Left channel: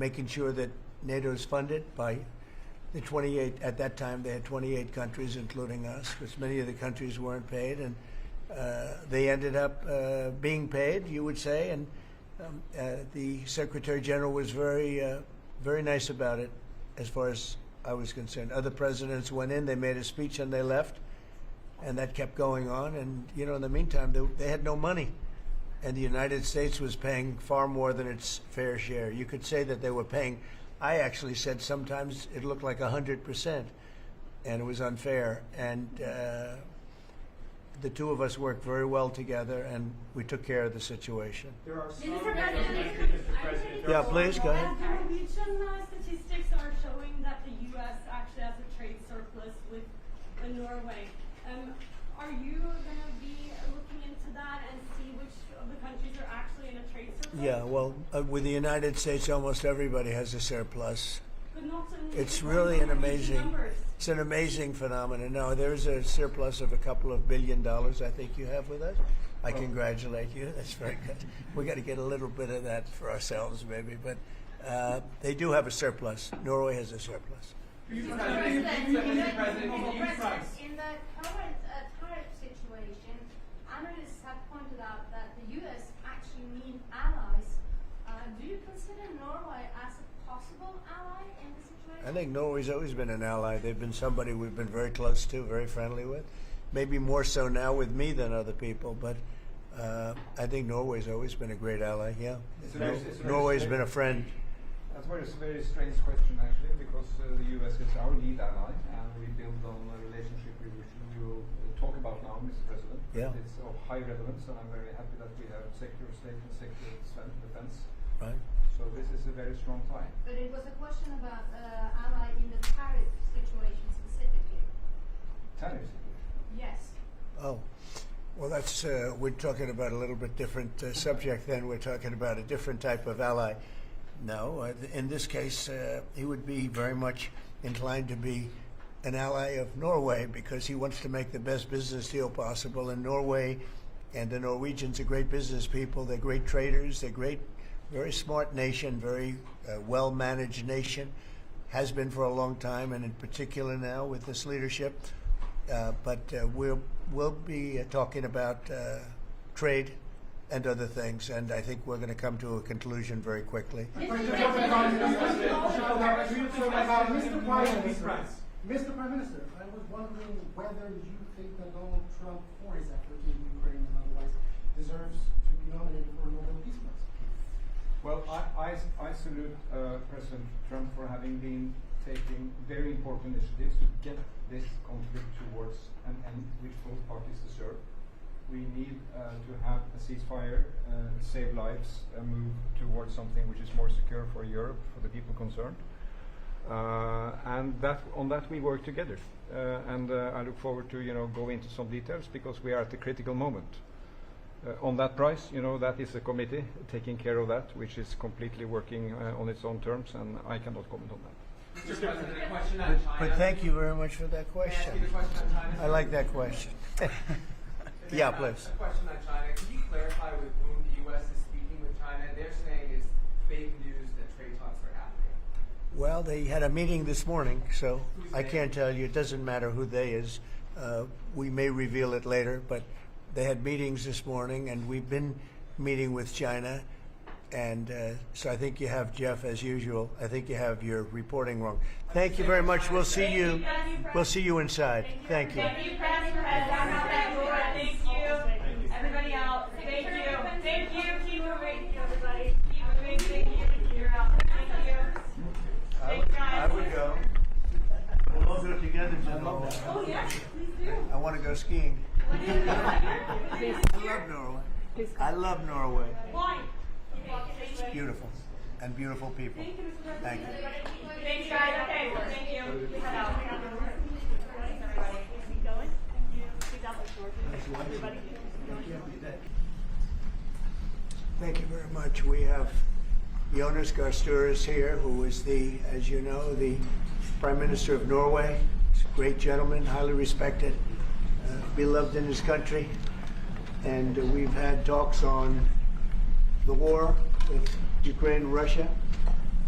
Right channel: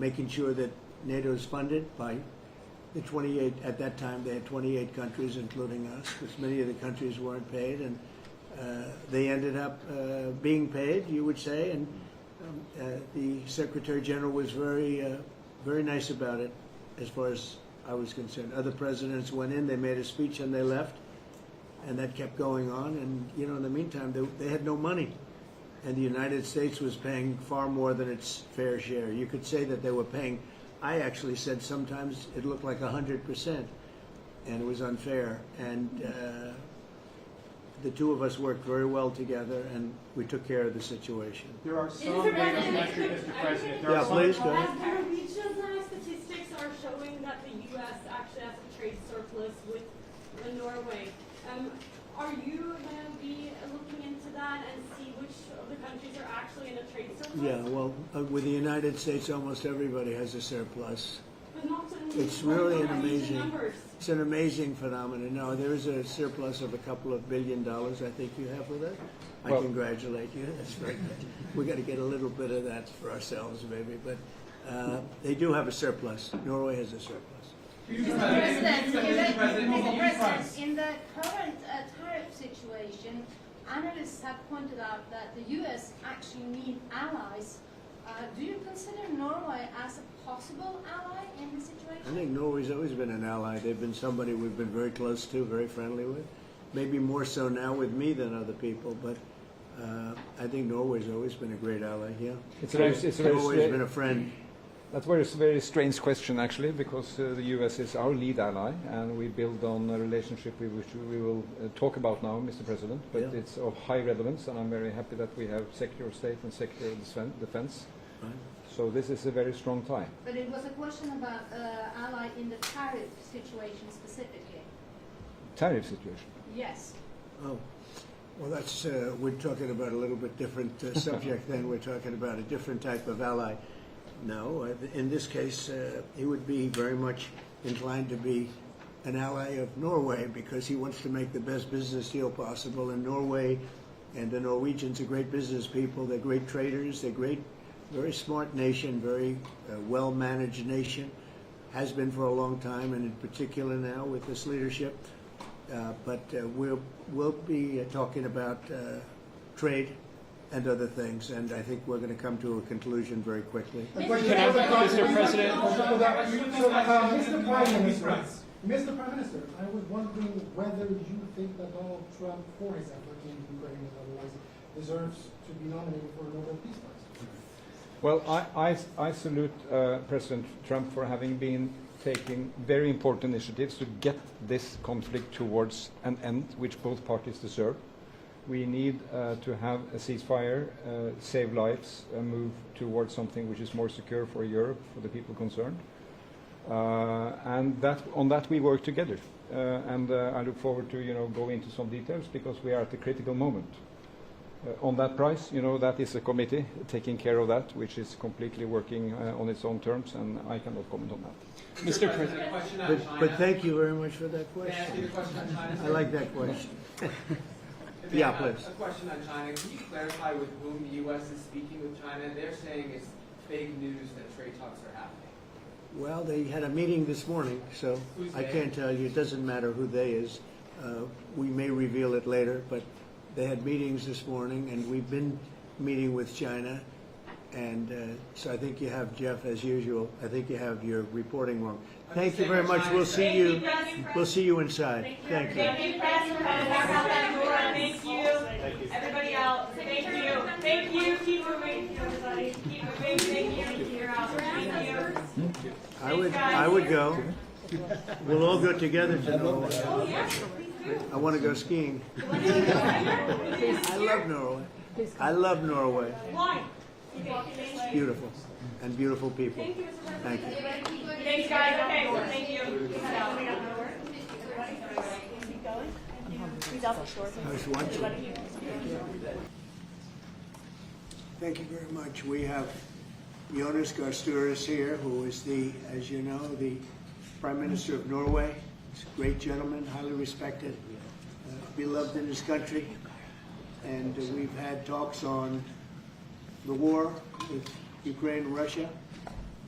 making sure that NATO is funded by the 28, at that time they had 28 countries, including us, because many of the countries weren't paid, and they ended up being paid, you would say, and the Secretary General was very nice about it, as far as I was concerned. Other presidents went in, they made a speech, and they left, and that kept going on. And you know, in the meantime, they had no money, and the United States was paying far more than its fair share. You could say that they were paying. I actually said sometimes it looked like 100%, and it was unfair. And the two of us worked very well together, and we took care of the situation. There are some Mr. President. Yeah, please go ahead. Norwegian statistics are showing that the U.S. actually has a trade surplus with Norway. Are you going to be looking into that and see which of the countries are actually in a trade surplus? Yeah, well, with the United States, almost everybody has a surplus. But not It's really an amazing, numbers. it's an amazing phenomenon. Now, there's a surplus of $2 billion, I think you have with it. I congratulate you. That's very good. We got to get a little bit of that for ourselves, maybe. But they do have a surplus. Norway has a surplus. Mr. President, in the current tariff situation, analysts have pointed out that the U.S. actually need allies. Do you consider Norway as a possible ally in the situation? I think Norway's always been an ally. They've been somebody we've been very close to, very friendly with. Maybe more so now with me than other people, but I think Norway's always been a great ally, yeah. Norway's been a friend. That's a very strange question, actually, because the U.S. is our lead ally, and we build on a relationship which we will talk about now, Mr. President. But it's of high relevance, and I'm very happy that we have Secretary of State and Secretary of Defense. Right. So this is a very strong tie. But it was a question about ally in the tariff situation specifically. Tariff situation? Yes. Oh, well, that's we're talking about a little bit different subject. Then we're talking about a different type of ally. No, in this case, he would be very much inclined to be an ally of Norway because he wants to make the best business deal possible. And Norway and the Norwegians are great business people. They're great traders. They're great, very smart nation, very well-managed nation. Has been for a long time, and in particular now with this leadership. But we'll be talking about trade and other things, and I think we're going to come to a conclusion very quickly. Mr. President. Mr. Prime Minister, I was wondering whether you think that Donald Trump, for his effort in Ukraine and otherwise, deserves to be nominated for a Nobel Peace Prize. Well, I salute President Trump for having been taking very important initiatives to get this conflict towards an end, which both parties deserve. We need to have a ceasefire, save lives, move towards something which is more secure for Europe, for the people concerned. And on that we work together. And I look forward to go into some details because we are at a critical moment. On that price, that is a committee taking care of that, which is completely working on its own terms, and I cannot comment on that. Mr. President. But thank you very much for that question. May I ask you the question on China? I like that question. Yeah, please. A question on China. Can you clarify with whom the U.S. is speaking with China? They're saying it's fake news that trade talks are happening. Well, they had a meeting this morning, so I can't tell you. It doesn't matter who they is. We may reveal it later, but they had meetings this morning, and we've been meeting with China. And so I think you have, Jeff, as usual, I think you have your reporting wrong. Thank you very much. We'll see you. We'll see you inside. Thank you. Thank you, President. Thank you. Everybody else. Thank you. Thank you. Keep moving, everybody. Keep moving. Thank you. You're out. Thank you. I would go. We'll all go together to Norway. Oh, yeah. Please do. I want to go skiing. I love Norway. I love Norway. Why? It's beautiful. And beautiful people. Thank you, Mr. Thank President. you. Thanks, guys. Okay, so thank you. Keep going. Nice watching. Thank you very much. We have Jonas Gahr Støre here, who is as you know, the Prime Minister of Norway. He's a great gentleman, highly respected, beloved in his country. And we've had talks on the war with Ukraine, Russia,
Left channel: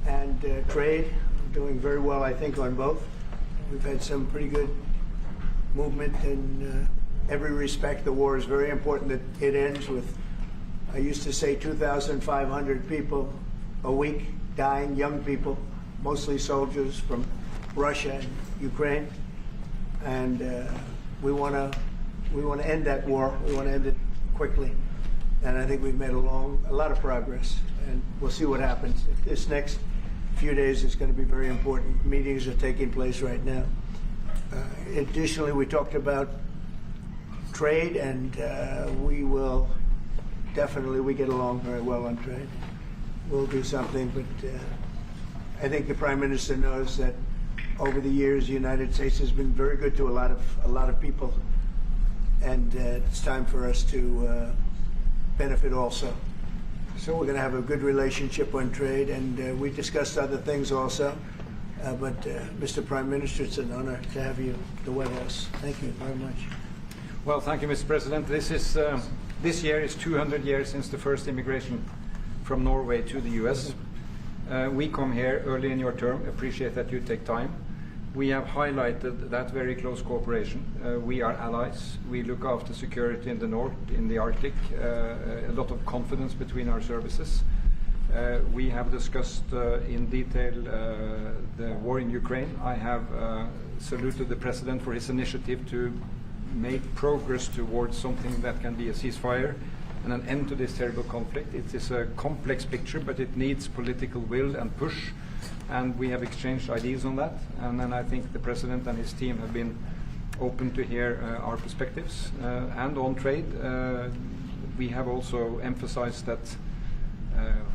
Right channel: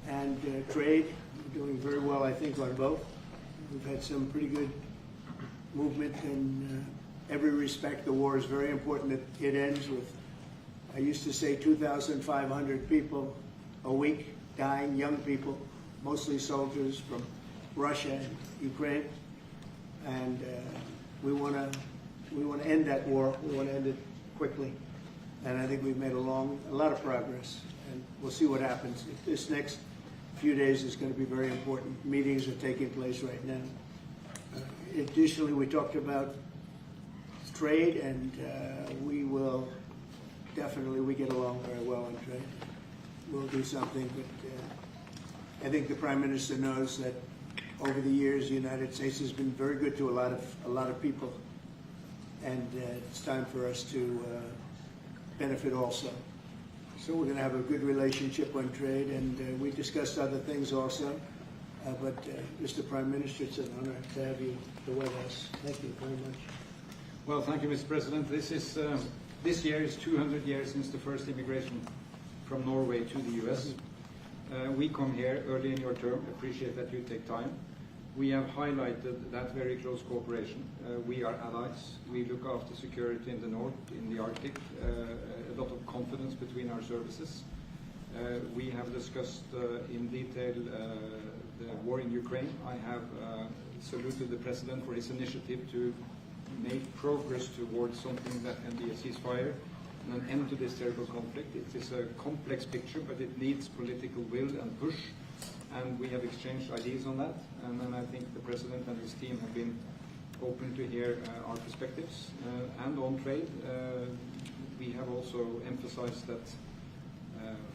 And trade, doing very well, I think, on both. We've had some pretty good movement in every respect. The war is very important that it ends with, I used to say 2,500 people a week dying, young people, mostly soldiers from Russia and Ukraine. And we want to end that war. We want to end it quickly. And I think we've made a lot of progress. And we'll see what happens. This next few days is going to be very important. Meetings are taking place right now. Additionally, we talked about trade, and we will definitely, we get along very well on trade. We'll do something, but I think the Prime Minister knows that over the years, the United States has been very good to a lot of people, and it's time for us to benefit also. So we're going to have a good relationship on trade, and we discussed other things also. But Mr. Prime Minister, it's an honor to have you at the White House. Thank you very much. Well, thank you, Mr. President. This year is 200 years since the first immigration from Norway to the U.S. We come here early in your term. Appreciate that you take time. We have highlighted that very close cooperation. We are allies. We look after security in the north, in the Arctic. A lot of confidence between our services. We have discussed in detail the war in Ukraine. I have saluted the President for his initiative to make progress towards something that can be a ceasefire and an end to this terrible conflict. It is a complex picture, but it needs political will and push, and we have exchanged ideas on that. And then I think the President and his team have been open to hear our perspectives. And on trade, we have also emphasized that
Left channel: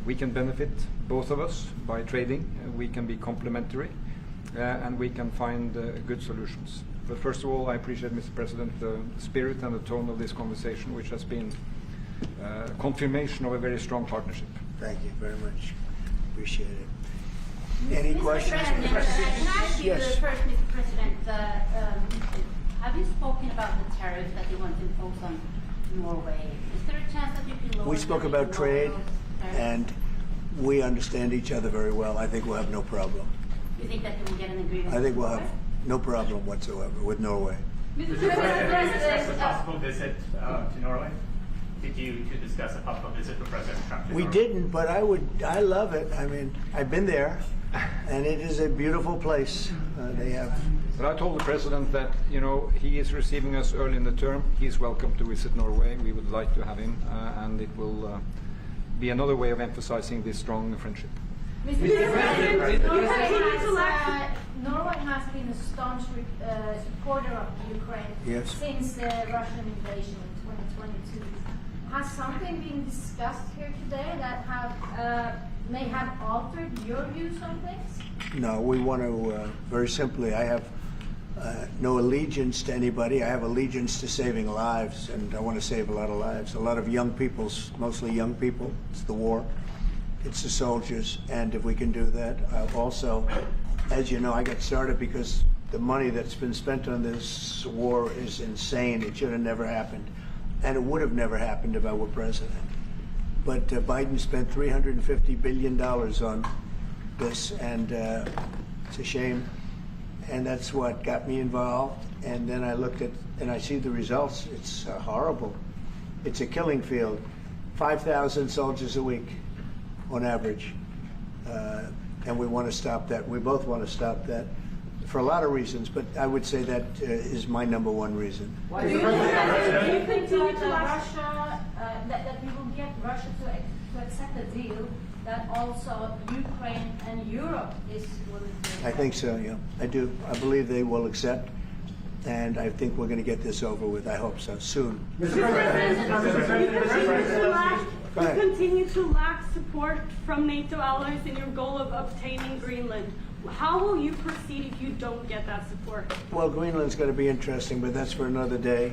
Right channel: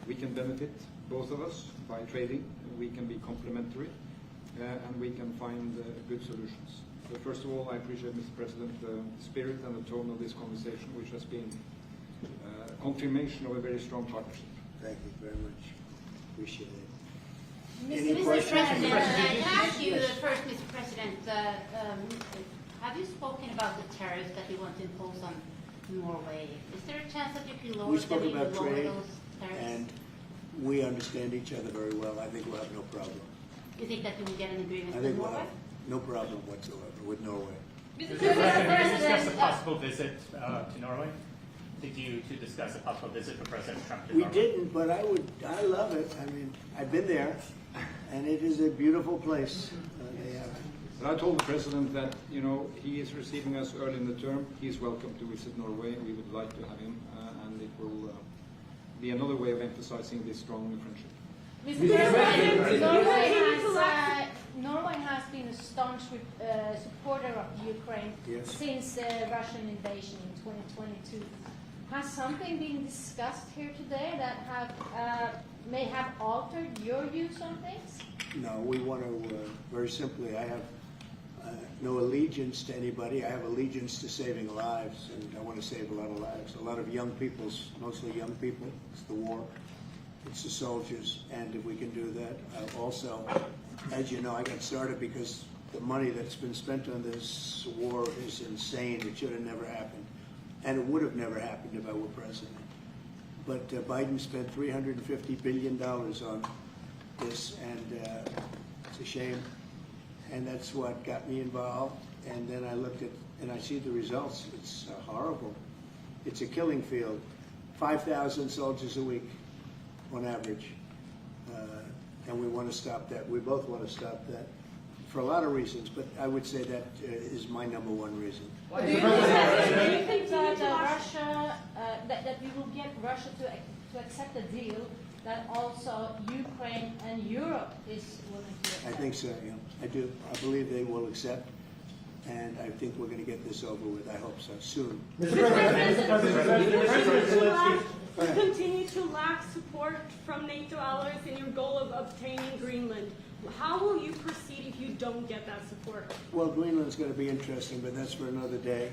we can benefit, both of us, by trading. We can be complementary, and we can find good solutions. But first of all, I appreciate, Mr. President, the spirit and the tone of this conversation, which has been confirmation of a very strong partnership. Thank you very much. Appreciate it. Any Mr. questions? President, can I ask you Yes. first, Mr. President, have you spoken about the tariffs that you want to impose on Norway? Is there a chance that you can lower We spoke them, about lower trade, those tariffs? and we understand each other very well. I think we'll have no problem. You think that you will get an agreement? I think with we'll have Norway? no problem whatsoever with Norway. Mr. Mr. President, did you discuss a President, possible visit to Norway? Did you discuss a possible visit for President Trump to We Norway? didn't, but I love it. I mean, I've been there, and it is a beautiful place. They have. But I told the President that, you know, he is receiving us early in the term. He's welcome to visit Norway. We would like to have him, and it will be another way of emphasizing this strong friendship. Mr. President, Norway has been a staunch supporter of Ukraine Yes. since the Russian invasion in 2022. Has something been discussed here today that may have altered your views on things? No, we want to, very simply, I have no allegiance to anybody. I have allegiance to saving lives, and I want to save a lot of lives. A lot of young people, mostly young people. It's the war. It's the soldiers, and if we can do that. Also, as you know, I got started because the money that's been spent on this war is insane. It should have never happened, and it would have never happened if I were president. But Biden spent $350 billion on this, and it's a shame. And that's what got me involved. And then I looked at, and I see the results. It's horrible. It's a killing field. 5,000 soldiers a week on average. And we want to stop that. We both want to stop that for a lot of reasons, but I would say that is my number one reason. Do you think that Russia, that we will get Russia to accept a deal that also Ukraine and Europe is willing to accept? I think so, yeah. I do. I believe they will accept, and I think we're going to get this over with. I hope so, soon. Go ahead. Continue to lack support from NATO allies in your goal of obtaining Greenland. How will you proceed if you don't get that support? Well, Greenland's going to be interesting, but that's for another day.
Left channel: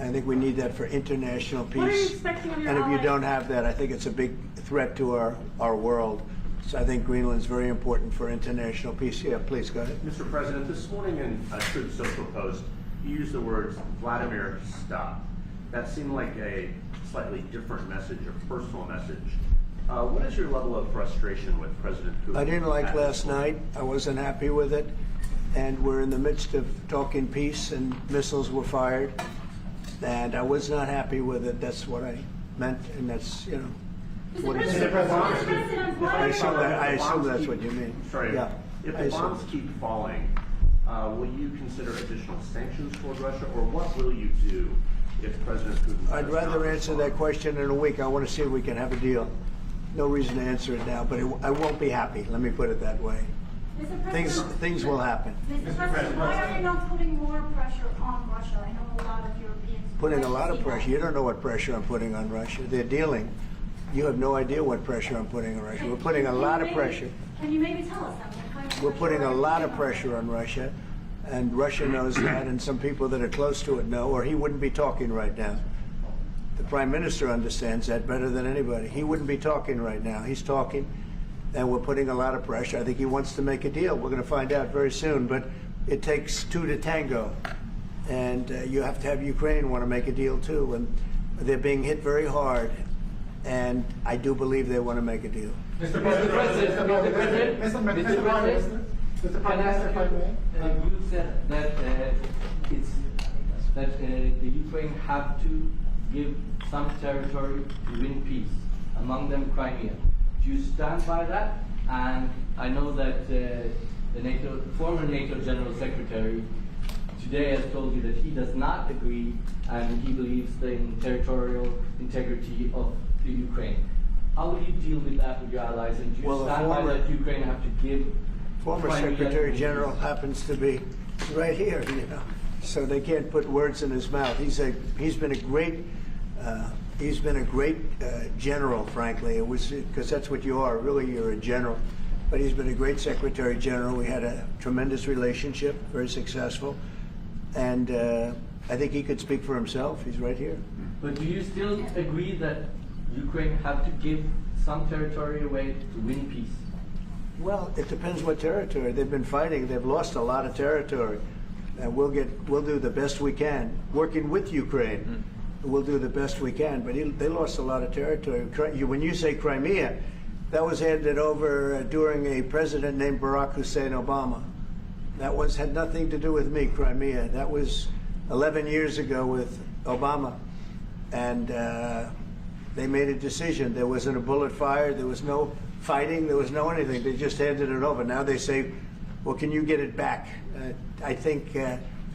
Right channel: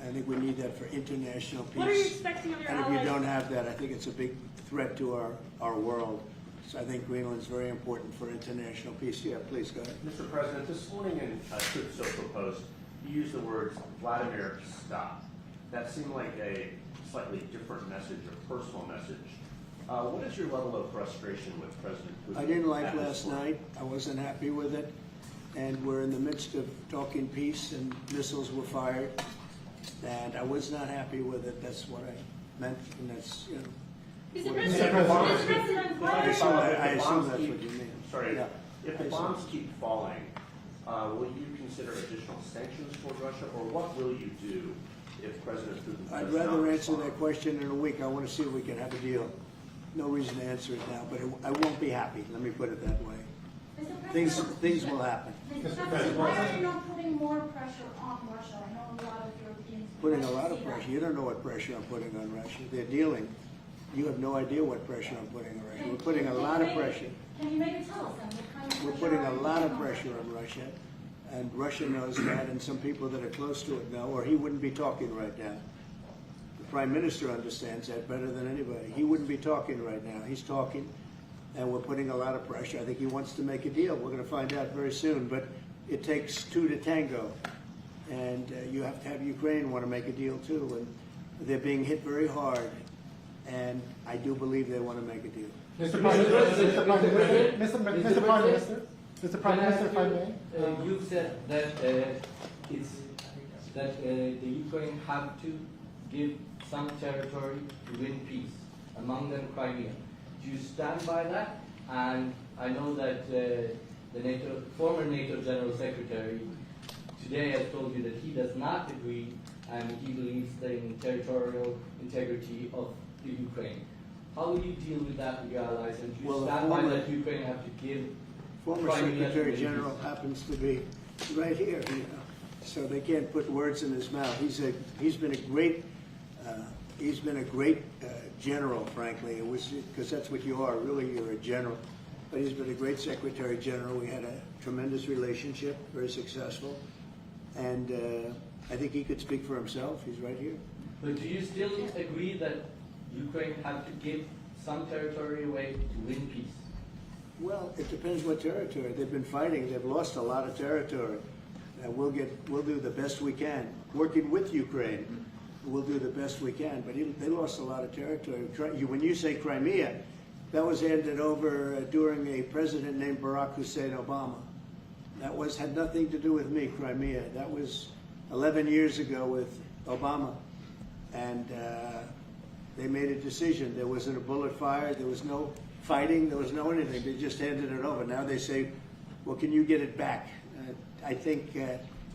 I think we need that for international peace. What are you expecting of your And if you allies? don't have that, I think it's a big threat to our world. So I think Greenland's very important for international peace. Yeah, please, go ahead. Mr. President, this morning in a Truth Social Post, you used the words Vladimir, stop. That seemed like a slightly different message, a personal message What is your level of frustration with President Putin? I didn't like at this last point? night. I wasn't happy with it. And we're in the midst of talking peace, and missiles were fired. And I was not happy with it. That's what I meant, and that's, you know. Mr. What is President, it? Mr. President, why I are assume that's what you mean. Sorry, Yeah, if I the assume. bombs keep falling, will you consider additional sanctions toward Russia, or what will you do if President Putin? I'd does rather not answer respond? that question in a week. I want to see if we can have a deal. No reason to answer it now, but I won't be happy. Let me put it that way. Mr. Things President, will happen. Mr. President, why are you not putting more pressure on Russia? I know a lot of Europeans. Putting a would like lot to of see pressure. that. You don't know what pressure I'm putting on Russia. They're dealing. You have no idea what pressure I'm putting on Russia. We're putting a lot of pressure. Can you maybe tell us something? What kind of We're pressure putting are a you lot putting of on pressure on Russia, and Russia knows that, and some people that are close to it know, or he wouldn't be talking right now. The Prime Minister understands that better than anybody. He wouldn't be talking right now. He's talking, and we're putting a lot of pressure. I think he wants to make a deal. We're going to find out very soon, but it takes two to tango, and you have to have Ukraine want to make a deal too, and they're being hit very hard, and I do believe they want to make a deal. Mr. Prime Minister, Mr. Prime Minister, if I may. You said that the Ukraine have to give some territory to win peace, among them Crimea. Do you stand by that? And I know that the former NATO General Secretary today has told you that he does not agree, and he believes in territorial integrity of the Ukraine. How will you deal with that with your allies? And do you Well, stand by that Ukraine have to give Former Crimea Secretary to General peace? happens to be right here, you know, so they can't put words in his mouth. He's been a great general, frankly. It was because that's what you are. Really, you're a general. But he's been a great Secretary General. We had a tremendous relationship, very successful, and I think he could speak for himself. He's right here. But do you still agree that Ukraine have to give some territory away to win peace? Well, it depends what territory. They've been fighting. They've lost a lot of territory. We'll do the best we can, working with Ukraine. We'll do the best we can. But they lost a lot of territory. When you say Crimea, that was handed over during a president named Barack Hussein Obama. That had nothing to do with me, Crimea. That was 11 years ago with Obama. And they made a decision. There wasn't a bullet fired. There was no fighting. There was no anything. They just handed it over. Now they say, well, can you get it back? I think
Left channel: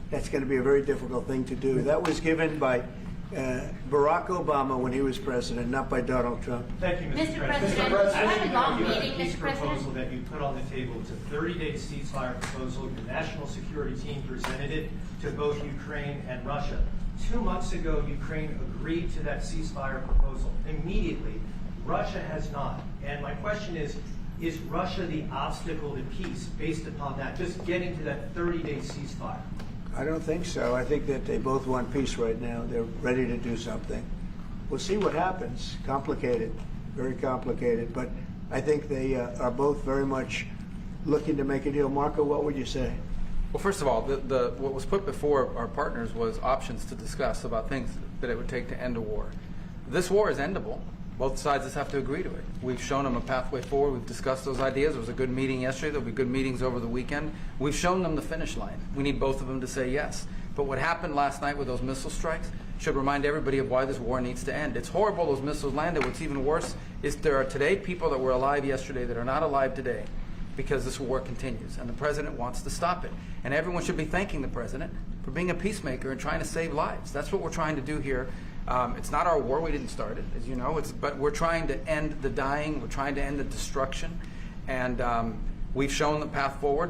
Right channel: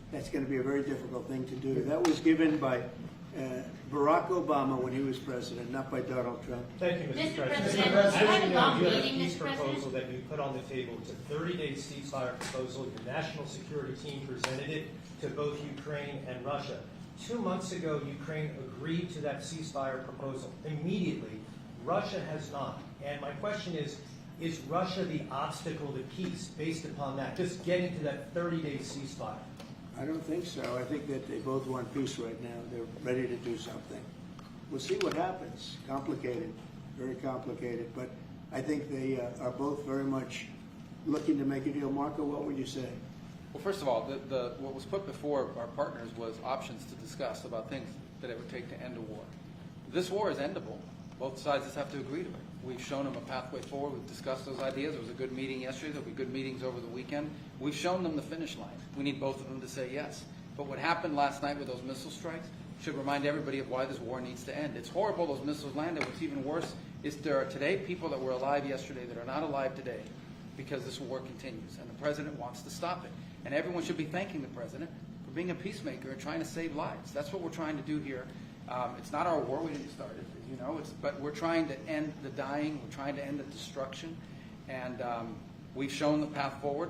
that's going to be a very difficult thing to do. That was given by Barack Obama when he was president, not by Donald Trump. Thank you, Mr. Mr. President. President, you had a long You have meeting, a peace Mr. President. proposal that you put on the table. It's a 30-day ceasefire proposal. Your national security team presented it to both Ukraine and Russia. 2 months ago, Ukraine agreed to that ceasefire proposal. Immediately, Russia has not. And my question is Russia the obstacle to peace based upon that, just getting to that 30-day ceasefire? I don't think so. I think that they both want peace right now. They're ready to do something. We'll see what happens. Complicated, very complicated. But I think they are both very much looking to make a deal. Marco, what would you say? Well, first of all, what was put before our partners was options to discuss about things that it would take to end a war. This war is endable. Both sides just have to agree to it. We've shown them a pathway forward. We've discussed those ideas. There was a good meeting yesterday. There'll be good meetings over the weekend. We've shown them the finish line. We need both of them to say yes. But what happened last night with those missile strikes should remind everybody of why this war needs to end. It's horrible those missiles landed. What's even worse is there are today people that were alive yesterday that are not alive today because this war continues, and the president wants to stop it. And everyone should be thanking the president for being a peacemaker and trying to save lives. That's what we're trying to do here. It's not our war. We didn't start it, as you know. But we're trying to end the dying. We're trying to end the destruction. And we've shown the path forward.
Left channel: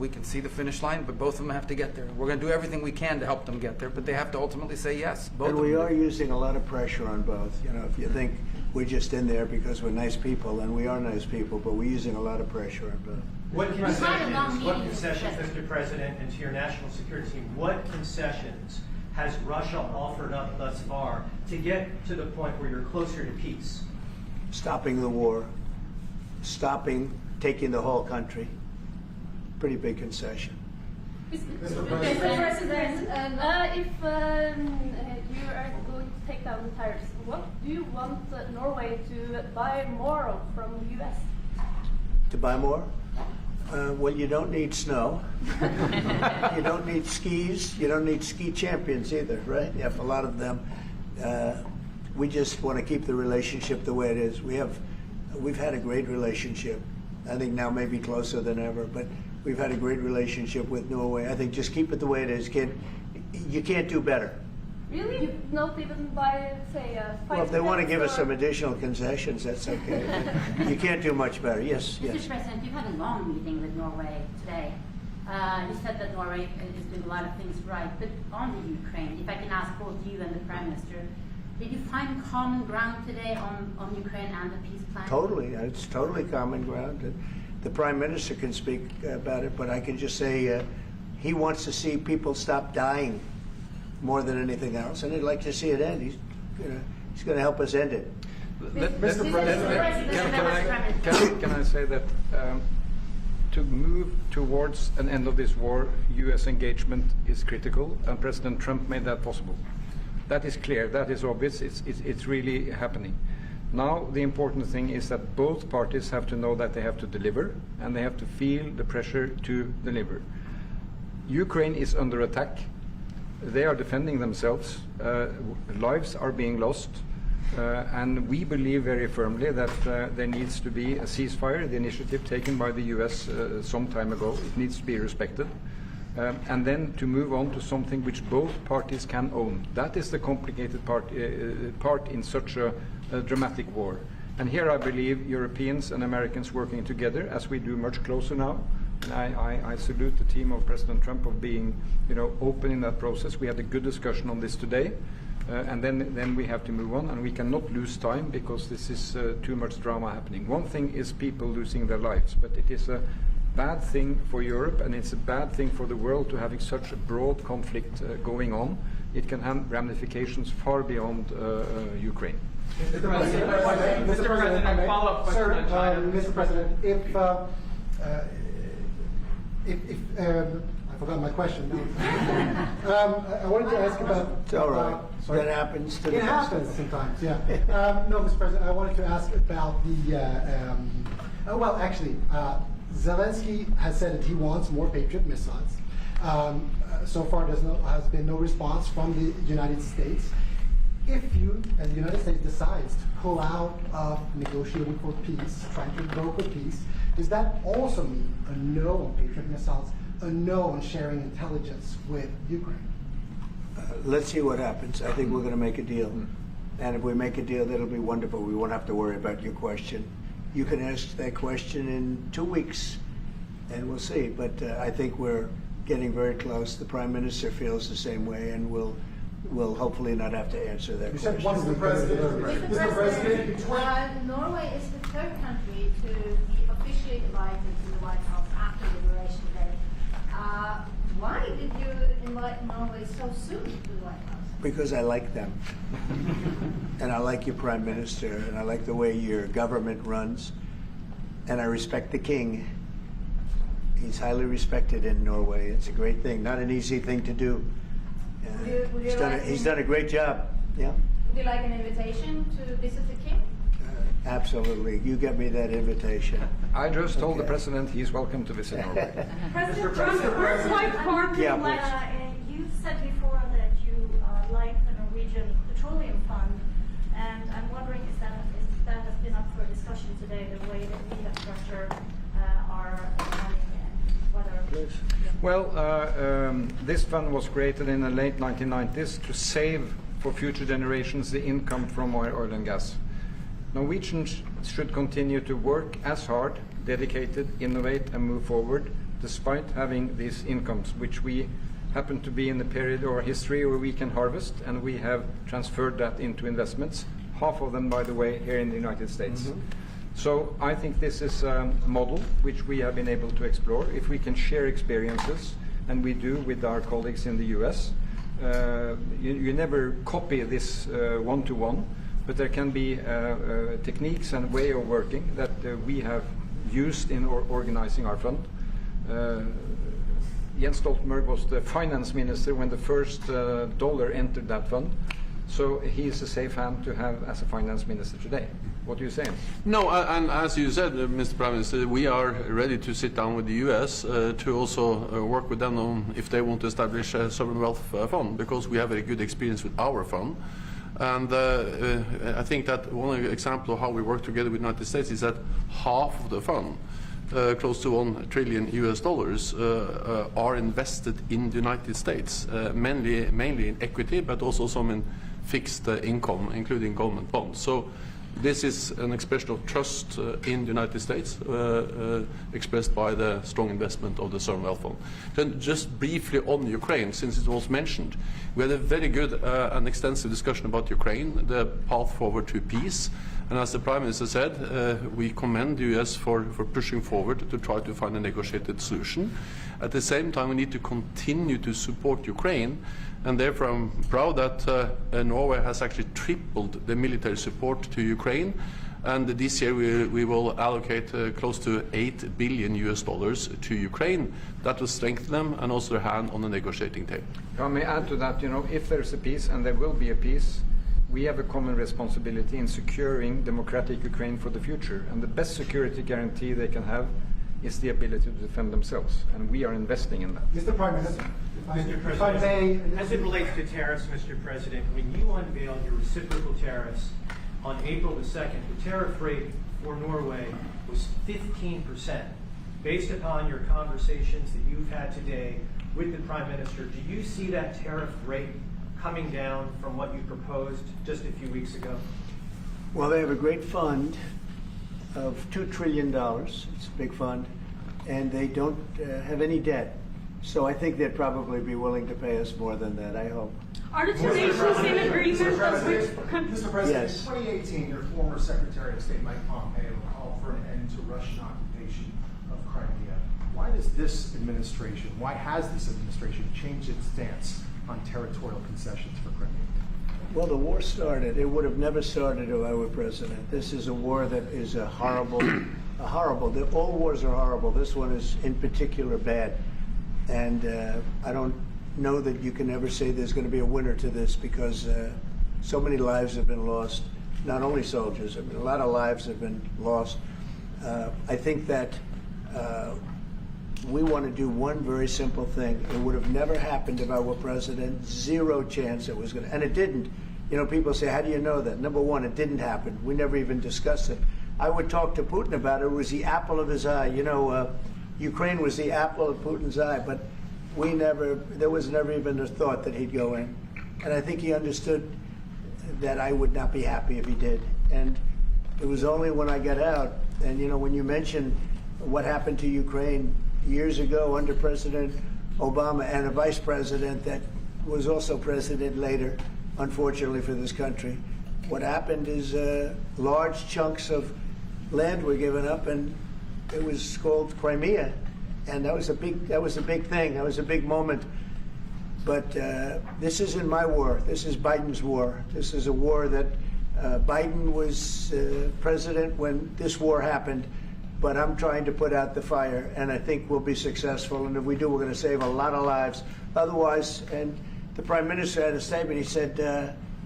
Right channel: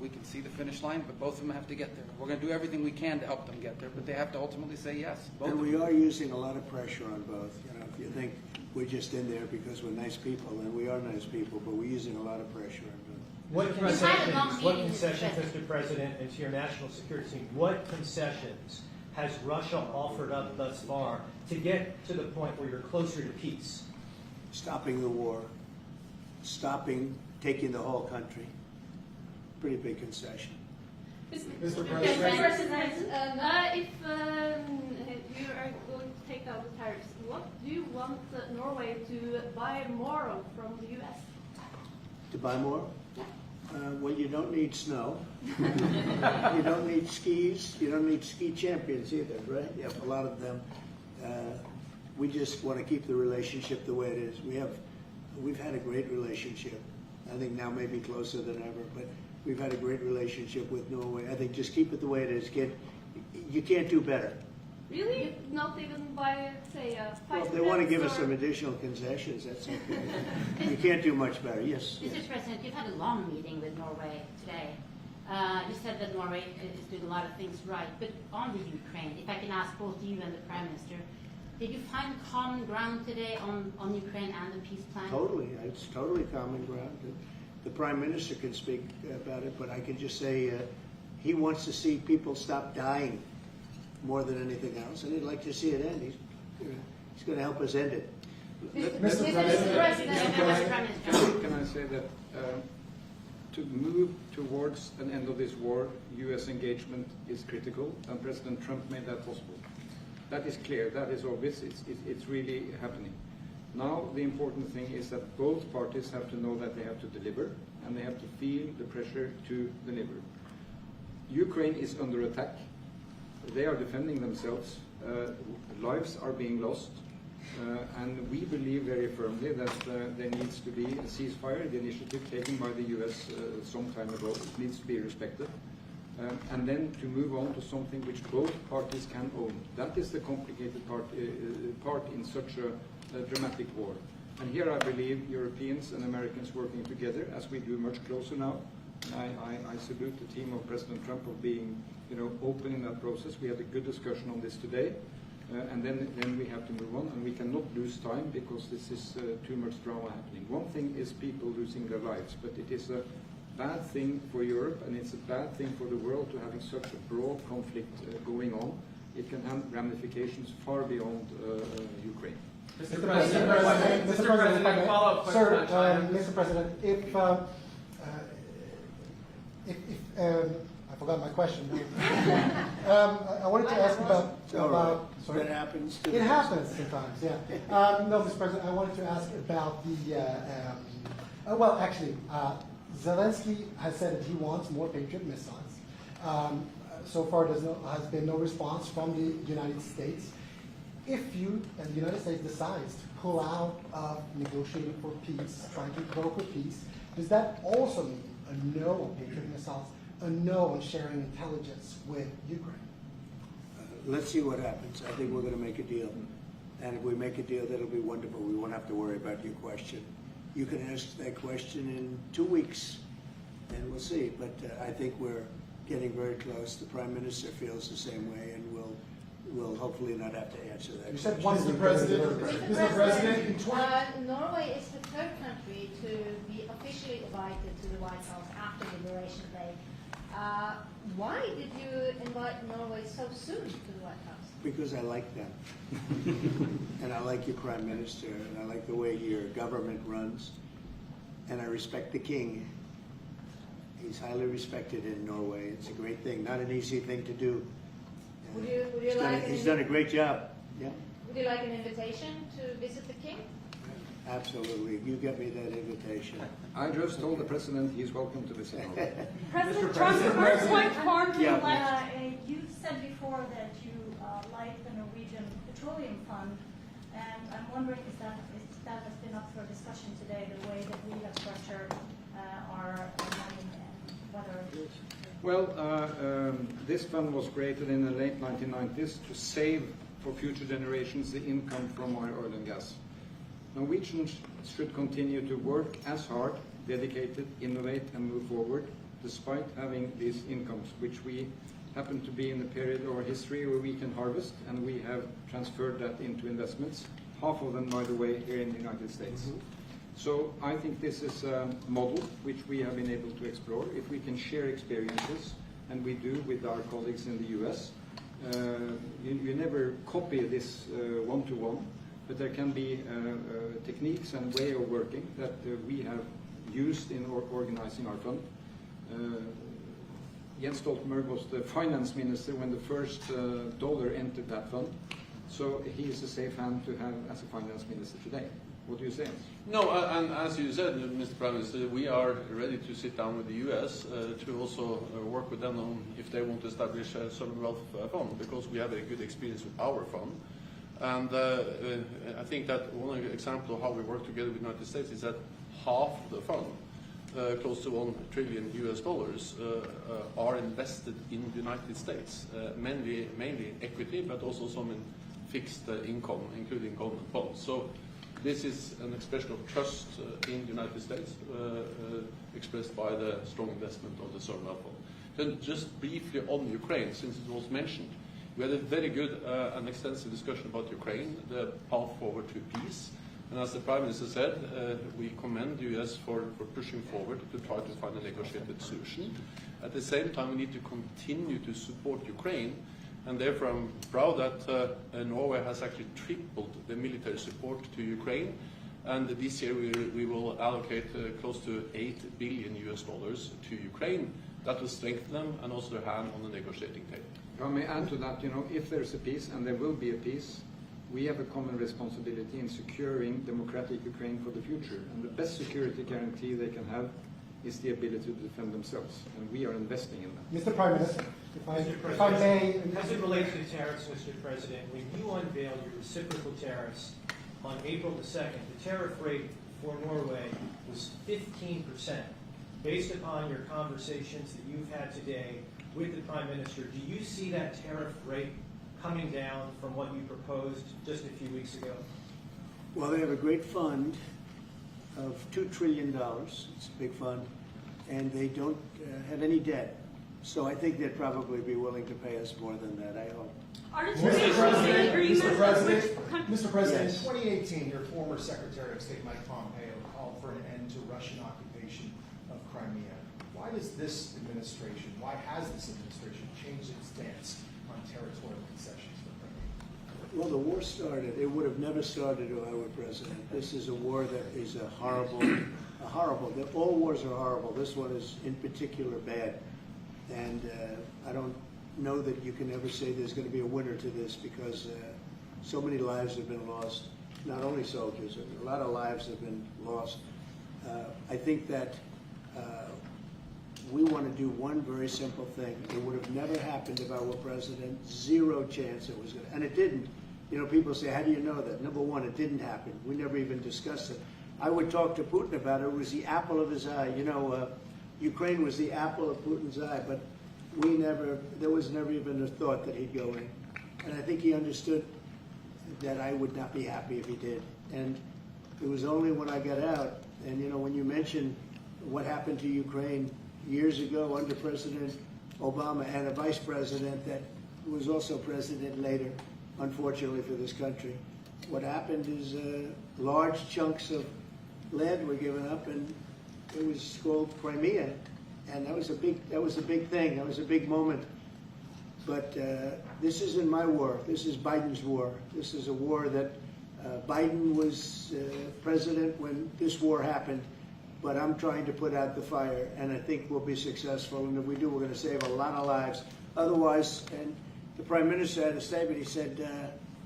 We can see the finish line, but both of them have to get there. We're going to do everything we can to help them get there, but they have to ultimately say yes. Both And of we them. are using a lot of pressure on both. You know, if you think we're just in there because we're nice people, and we are nice people, but we're using a lot of pressure on both. What We've had a long concessions, meeting, Mr. President, and to your national security team, what concessions has Russia offered up thus far to get to the point where you're closer to peace? Stopping the war, stopping taking the whole country. Pretty big concession. Mr. President, if you are going take down the tariffs, what do you want Norway to buy more of from the U.S.? To buy more? Well, you don't need snow. You don't need skis. You don't need ski champions either, right? You have a lot of them. We just want to keep the relationship the way it is. We've had a great relationship. I think now maybe closer than ever, but we've had a great relationship with Norway. I think just keep it the way it is, kid. You can't do better. Really? Not even by, say, Well, if they want to give us some additional concessions, that's okay. You can't do much better. Yes, yes. Mr. President, you've had a long meeting with Norway today. You said that Norway is doing a lot of things right, but on the Ukraine, if I can ask both you and the Prime Minister, did you find common ground today on Ukraine and the peace plan? Totally. It's totally common ground. The Prime Minister can speak about it, but I can just say he wants to see people stop dying more than anything else, and he'd like to see it end. He's going to help us end it. Mr. President, can I say that to move towards an end of this war, U.S. engagement is critical, and President Trump made that possible. That is clear, that is obvious, it's really happening. Now the important thing is that both parties have to know that they have to deliver, and they have to feel the pressure to deliver. Ukraine is under attack. They are defending themselves. Lives are being lost. And we believe very firmly that there needs to be a ceasefire, the initiative taken by the US some time ago. It needs to be respected. And then to move on to something which both parties can own. That is the complicated part in such a dramatic war. And here I believe Europeans and Americans working together, as we do much closer now. And I salute the team of President Trump of being, open in that process. We had a good discussion on this today. And then we have to move on, and we cannot lose time because this is too much drama happening. One thing is people losing their lives, but it is a bad thing for Europe, and it's a bad thing for the world to having such a broad conflict going on. It can have ramifications far beyond Ukraine. Mr. President, my follow-up question on China. Mr. President, if I forgot my question. I wanted to ask about. It's all right. That happens to the It happens sometimes, yeah. No, Mr. President, I wanted to ask about the. Well, actually, Zelensky has said that he wants more Patriot missiles. So far, has been no response from the United States. If you and the United States decides to pull out of negotiating for peace, trying to broker peace, does that also mean a no on Patriot missiles, a no on sharing intelligence with Ukraine? Let's see what happens. I think we're going to make a deal. And if we make a deal, that'll be wonderful. We won't have to worry about your question. You can ask that question in 2 weeks, and we'll see. But I think we're getting very close. The Prime Minister feels the same way, and we'll hopefully not have to answer that question. Mr. President, Norway is the third country to be officially invited to the White House after Liberation Day. Why did you invite Norway so soon to the White House? Because I like them. And I like your Prime Minister, and I like the way your government runs. And I respect the King. He's highly respected in Norway. It's a great thing, not an easy thing to do. He's done a great job. Yeah. Would you like an invitation to visit the King? Absolutely. You get me that invitation. I just told the President he's welcome to visit Norway. President Trump, first like farm Yeah, You said before that you like the Norwegian Petroleum Fund, and I'm wondering if that has been up for discussion today, the way that we have structured our money and whether. Well, this fund was created in the late 1990s to save for future generations the income from oil and gas. Norwegians should continue to work as hard, dedicated, innovate, and move forward, despite having these incomes, which we happen to be in the period of our history where we can harvest, and we have transferred that into investments, half of them, by the way, here in the United States. So I think this is a model which we have been able to explore. If we can share experiences, and we do with our colleagues in the US, you never copy this one-to-one, but there can be techniques and way of working that we have used in organizing our fund. Jens Stoltenberg was the finance minister when the first dollar entered that fund. So he's a safe hand to have as a finance minister today. What do you say? No, and as you said, Mr. Prime Minister, we are ready to sit down with the U.S. To also work with them on if they want to establish a sovereign wealth fund, because we have a good experience with our fund. And I think that one example of how we work together with the United States is that half of the fund, close to $1 trillion are invested in the United States, mainly in equity, but also some in fixed income, including government bonds. So this is an expression of trust in the United States, expressed by the strong investment of the sovereign wealth fund. Then just briefly on Ukraine, since it was mentioned, we had a very good and extensive discussion about Ukraine, the path forward to peace. And as the Prime Minister said, we commend the US for pushing forward to try to find a negotiated solution. At the same time, we need to continue to support Ukraine. And therefore, I'm proud that Norway has actually tripled the military support to Ukraine. And this year we will allocate close to $8 billion to Ukraine. That will strengthen them and also their hand on the negotiating table. If I may add to that, if there's a peace, and there will be a peace, we have a common responsibility in securing democratic Ukraine for the future. And the best security guarantee they can have is the ability to defend themselves. And we are investing in that. Mr. Prime Minister, Mr. if I may. As it relates to tariffs, Mr. President, when you unveiled your reciprocal tariffs on April the 2nd, the tariff rate for Norway was 15%. Based upon your conversations that you've had today with the Prime Minister, do you see that tariff rate coming down from what you proposed just a few weeks ago? Well, they have a great fund of $2 trillion. It's a big fund. And they don't have any debt. So I think they'd probably be willing to pay us more than that, I hope. Are the two nations in agreement? Mr. President, Yes. in 2018, your former Secretary of State Mike Pompeo called for an end to Russian occupation of Crimea. Why has this administration changed its stance on territorial concessions for Crimea? Well, the war started. It would have never started if I were president. This is a war that is horrible. All wars are horrible. This one is in particular bad. And I don't know that you can ever say there's going to be a winner to this, because so many lives have been lost. Not only soldiers, I mean, a lot of lives have been lost. I think that we want to do one very simple thing. It would have never happened if I were president. Zero chance it was going to, and it didn't. People say, how do you know that? Number one, it didn't happen. We never even discussed it. I would talk to Putin about it. It was the apple of his eye. Ukraine was the apple of Putin's eye, but there was never even a thought that he'd go in. And I think he understood that I would not be happy if he did. And it was only when I got out, and when you mention what happened to Ukraine years ago under President Obama and a vice president that was also president later, unfortunately for this country, what happened is large chunks of land were given up, and it was called Crimea, and that was a big thing. That was a big moment. But this isn't my war. This is Biden's war. This is a war that Biden was president when this war happened. But I'm trying to put out the fire, and I think we'll be successful. And if we do, we're going to save a lot of lives. Otherwise, and the Prime Minister had a statement. He said,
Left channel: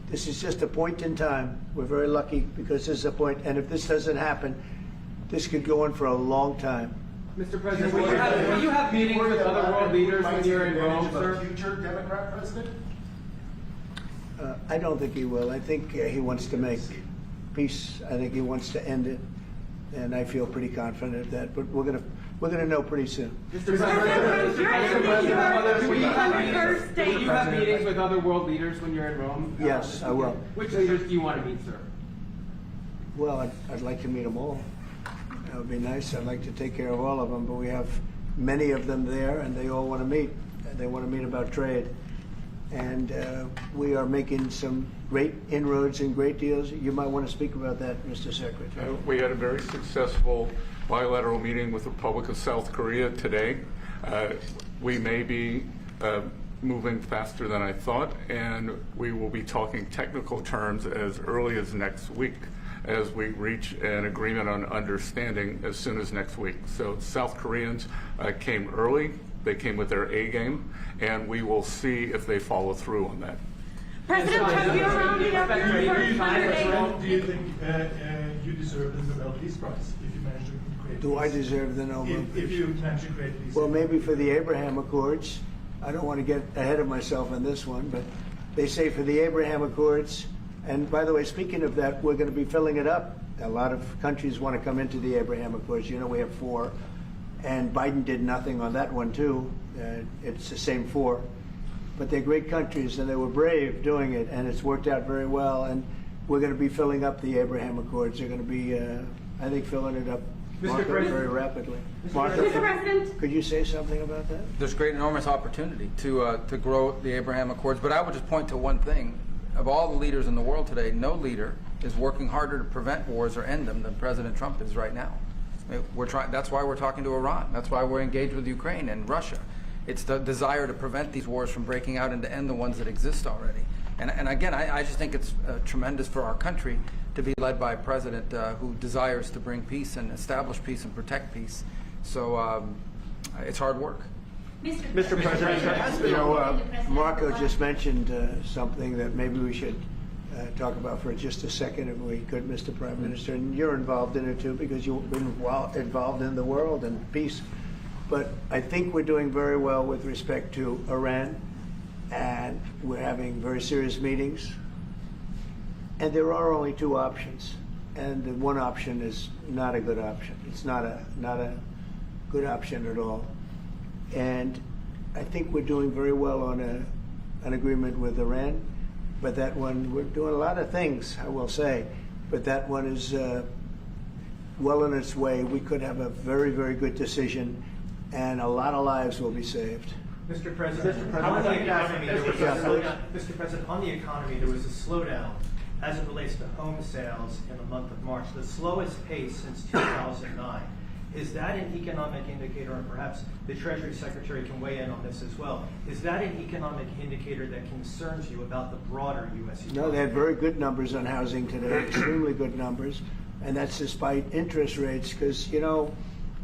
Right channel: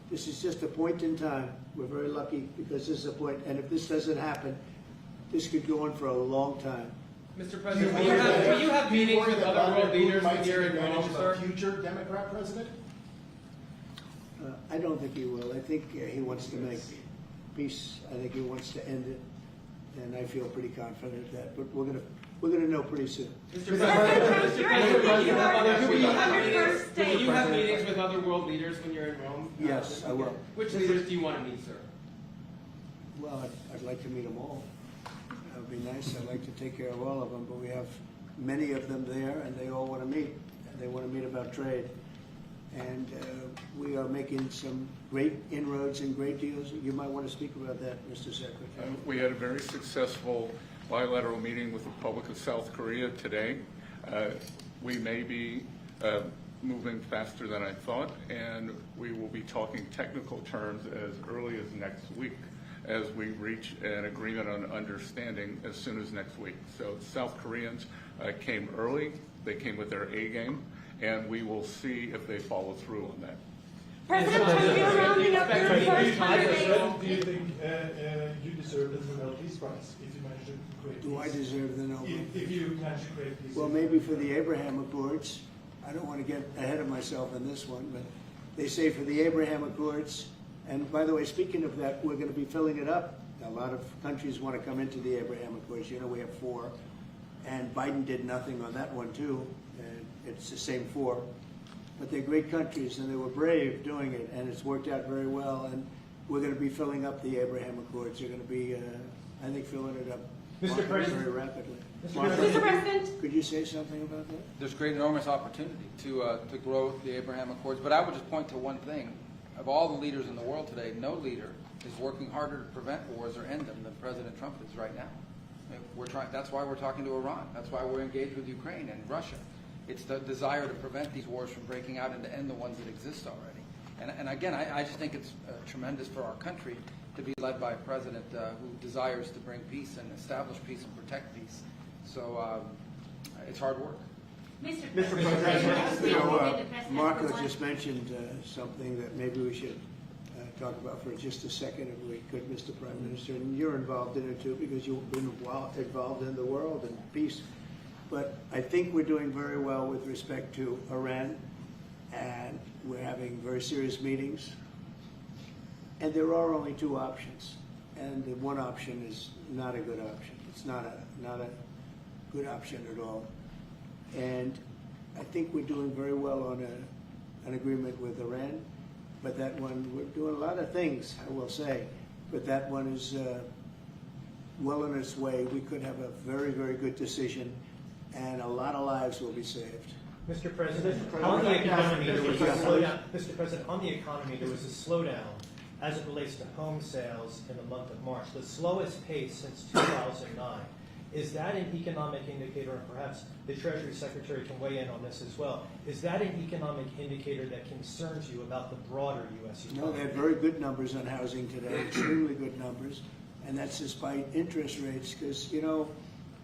"This is just a point in time. We're very lucky because this is a point. And if this doesn't happen, this could go on for a long time." Mr. President, will you have meetings with other world leaders when you're in Rome, sir? Future Democrat president? I don't think he will. I think he wants to make peace. I think he wants to end it, and I feel pretty confident of that. But we're gonna know pretty soon. Mr. President, will you have meetings with other world leaders when you're in Rome? Yes, I will. Which leaders do you want to meet, sir? Well, I'd like to meet them all. That would be nice. I'd like to take care of all of them, but we have many of them there, and they all want to meet. They want to meet about trade. And we are making some great inroads and great deals. You might want to speak about that, Mr. Secretary. We had a very successful bilateral meeting with the Republic of South Korea today. We may be moving faster than I thought, and we will be talking technical terms as early as next week, as we reach an agreement on understanding as soon as next week. So South Koreans came early, they came with their A game, and we will see if they follow through on that. President Trump, you're rounding up your first 100 days. Do you think you deserve the Nobel Peace Prize if you manage to create Do I deserve the Nobel Peace? If you manage to create peace? Well, maybe for the Abraham Accords. I don't want to get ahead of myself on this one, but they say for the Abraham Accords, and by the way, speaking of that, we're going to be filling it up. A lot of countries want to come into the Abraham Accords. You know, we have 4, and Biden did nothing on that one too. It's the same 4. But they're great countries, and they were brave doing it, and it's worked out very well. And we're going to be filling up the Abraham Accords. They're going to be, I think, filling it up very rapidly. Mr. President, could you say something about that? There's great, enormous opportunity to grow the Abraham Accords. But I would just point to one thing. Of all the leaders in the world today, no leader is working harder to prevent wars or end them than President Trump is right now. I mean, that's why we're talking to Iran. That's why we're engaged with Ukraine and Russia. It's the desire to prevent these wars from breaking out and to end the ones that exist already. And again, I just think it's tremendous for our country to be led by a president who desires to bring peace and establish peace and protect peace. So it's hard work. Mr. President, You know, Marco just mentioned something that maybe we should talk about for just a second, if we could, Mr. Prime Minister. And you're involved in it too, because you've been involved in the world and peace. But I think we're doing very well with respect to Iran, and we're having very serious meetings. And there are only 2 options, and the one option is not a good option. It's not a good option at all. And I think we're doing very well on an agreement with Iran, but that one, we're doing a lot of things, I will say, but that one is well on its way. We could have a very, very good decision, and a lot of lives will be saved. Mr. President, on the economy, there was a slowdown. Mr. President, on the economy, there was a slowdown as it relates to home sales in the month of March, the slowest pace since 2009. Is that an economic indicator, and perhaps the Treasury Secretary can weigh in on this as well, is that an economic indicator that concerns you about the broader U.S. economy? No, they had very good numbers on housing today, extremely good numbers, and that's despite interest rates, because, you know,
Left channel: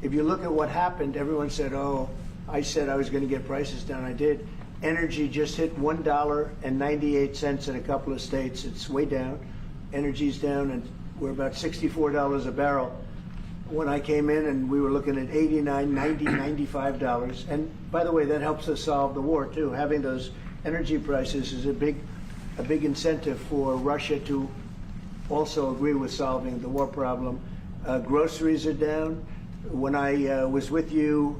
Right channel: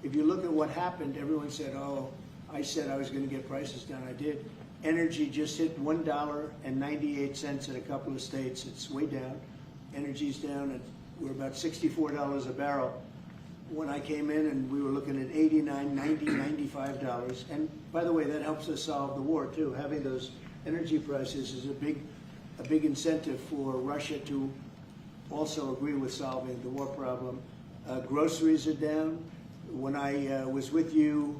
if you look at what happened, everyone said, oh, I said I was going to get prices down. I did. Energy just hit $1.98 in a couple of states. It's way down. Energy's down, and we're about $64 a barrel. When I came in, and we were looking at $89, $90, $95. And by the way, that helps us solve the war too. Having those energy prices is a big incentive for Russia to also agree with solving the war problem. Groceries are down. When I was with you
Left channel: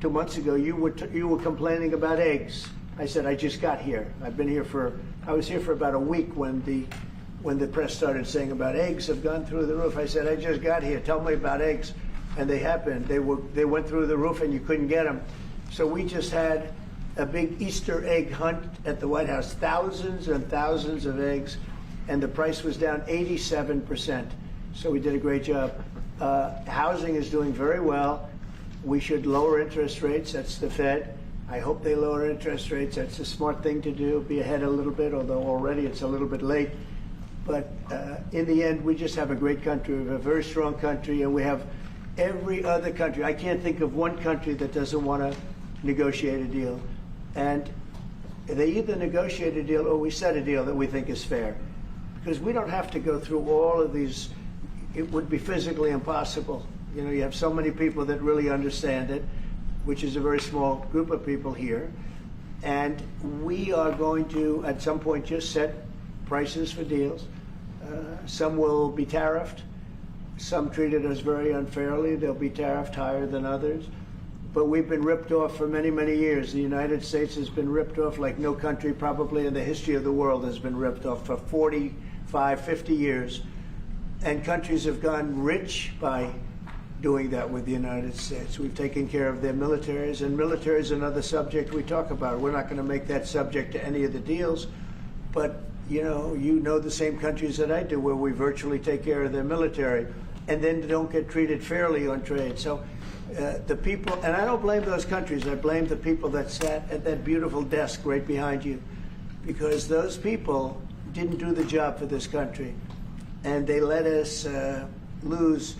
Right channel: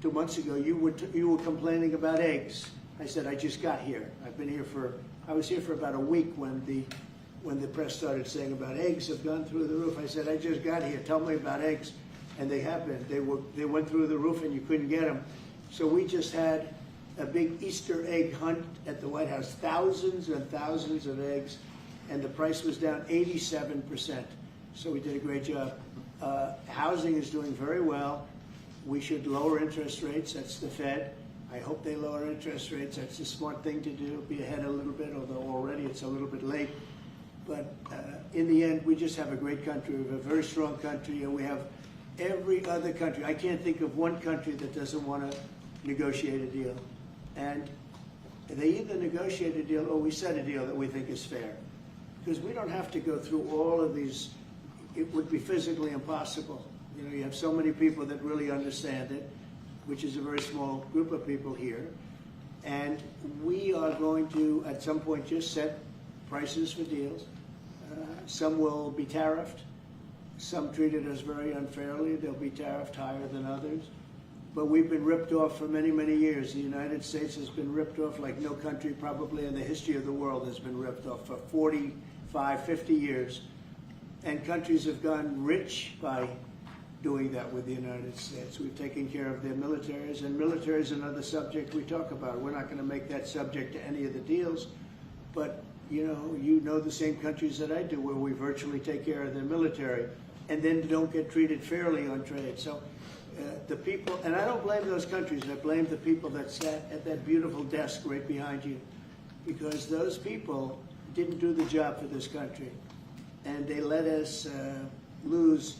2 months ago, you were complaining about eggs. I said, I just got here. I was here for about a week when the press started saying about eggs have gone through the roof. I said, I just got here. Tell me about eggs. And they have been. They went through the roof and you couldn't get them. So we just had a big Easter egg hunt at the White House. Thousands and thousands of eggs. And the price was down 87%. So we did a great job. Housing is doing very well. We should lower interest rates. That's the Fed. I hope they lower interest rates. That's a smart thing to do. Be ahead a little bit, although already it's a little bit late. But in the end, we just have a great country. We have a very strong country, and we have every other country. I can't think of one country that doesn't want to negotiate a deal. And they either negotiate a deal or we set a deal that we think is fair. Because we don't have to go through all of these. It would be physically impossible. You know, you have so many people that really understand it, which is a very small group of people here. And we are going to, at some point, just set prices for deals. Some will be tariffed. Some treated us very unfairly. They'll be tariffed higher than others. But we've been ripped off for many, many years. The United States has been ripped off like no country probably in the history of the world has been ripped off for 45, 50 years. And countries have gotten rich by doing that with the United States. We've taken care of their militaries, and military is another subject we talk about. We're not going to make that subject to any of the deals, but you know the same countries that I do where we virtually take care of their military and then don't get treated fairly on trade. So the people, and I don't blame those countries, I blame the people that sat at that beautiful desk right behind you, because those people didn't do the job for this country, and they let us lose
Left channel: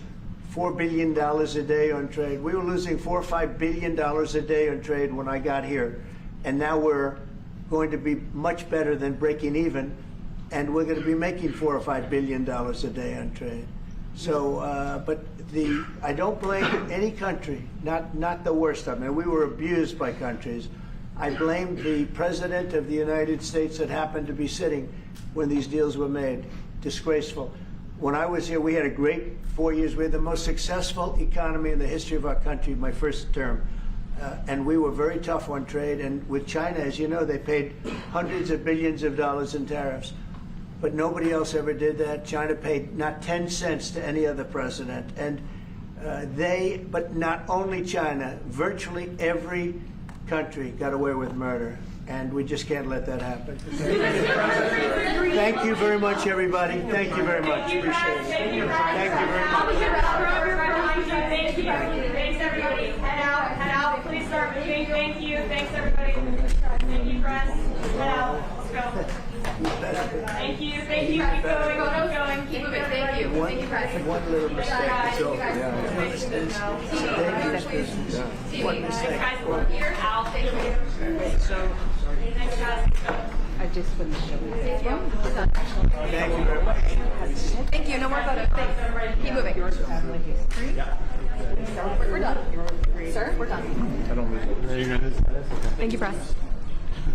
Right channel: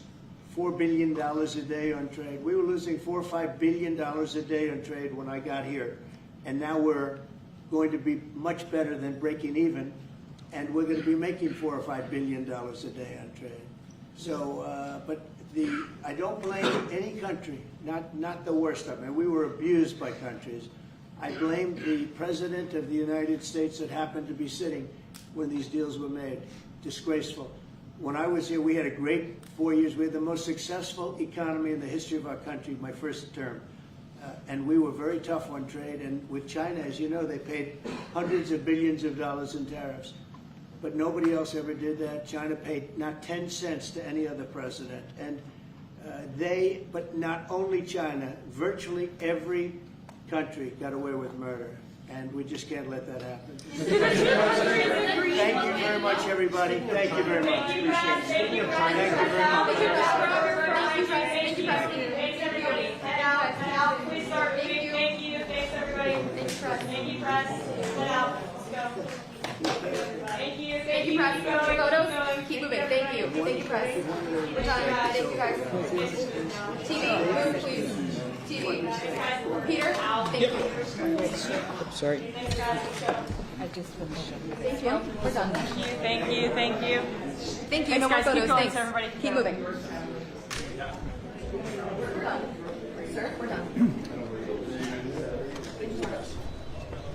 $4 billion a day on trade. We were losing $4 or $5 billion a day on trade when I got here, and now we're going to be much better than breaking even, and we're going to be making $4 or $5 billion a day on trade. So, but I don't blame any country, not the worst of them. And we were abused by countries. I blame the President of the United States that happened to be sitting when these deals were made. Disgraceful. When I was here, we had a great 4 years. We had the most successful economy in the history of our country, my first term. And we were very tough on trade. And with China, as you know, they paid hundreds of billions of dollars in tariffs. But nobody else ever did that. China paid not 10 cents to any other president. And but not only China, virtually every country got away with murder. And we just can't let that happen. Thank you very much, everybody. Thank you very much. Appreciate it. Thank you very much. Thank you, thanks everybody. Head out. Please start moving. Thank you. Thanks everybody. Thank you, press. Head out. Let's go. Thank you. Thank you. Keep going. Keep moving. Thank you. Thank you, press. One little mistake. One mistake. Peter, out. Thank you. Sorry. I just finished. Thank you. Thank you. Thank you. Thank you. No more photos. Thanks. Keep moving. We're done. Sir, we're done. There you go. Thank you, press.